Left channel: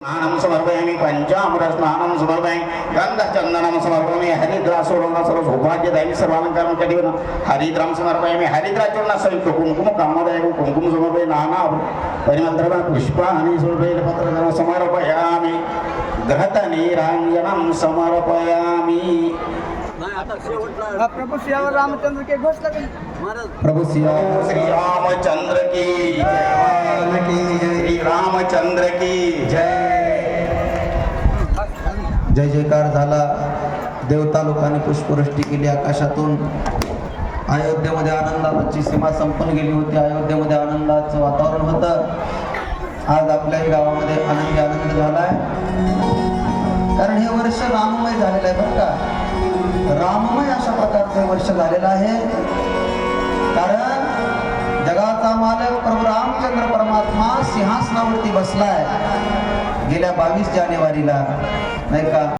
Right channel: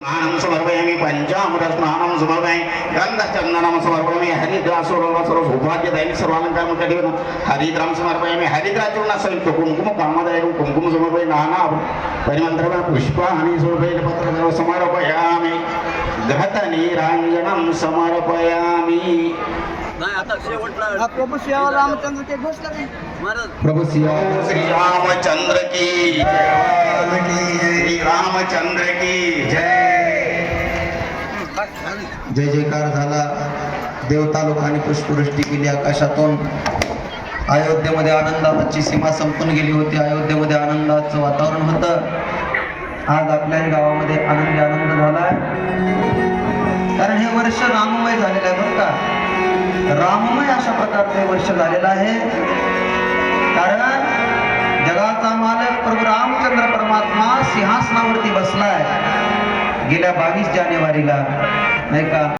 स्नानं समर्पयामि पञ्चामृतस्नानं समर्पयामि गन्धचन्दनं समर्पयामि हरिद्रासुरं सौभाग्यदायि सर्वालङ्कारं कटिवनं हरिद्रां समर्पयामि हरिद्राचूर्णसयुक्त कुङ्कुम कामदायकं कुङ्कुम समर्पय नाना परिमन्त्रं पुष्पाणि सुबेलपत्रं समर्पयामि घृतनीराञ्जनं समर्पयामि नाही आता शेवटला प्रभू श्री रामचंद्र के घोष करें महाराज प्रभु सिया श्री रामचंद्र की श्री रामचंद्र की जय जय जयकार झाला. देवता लोकांनी पुष्पवृष्टी केली आकाशातून. अयोध्येमध्ये आनंदाची सीमा संपून गेली होती. अयोध्येमध्ये आनंदाचं वातावरण होतं. आज आपल्या गावामध्ये आनंद आनंद झालाय. कारण हे वर्ष राममय झालेलं आहे बरं का? राममय अशा प्रकारचं हे वर्ष झालेलं आहे. कारण जगाचा मालक प्रभू रामचंद्र परमात्मा सिंहासनावरती बसलाय. गेल्या बावीस जानेवारीला. नाही का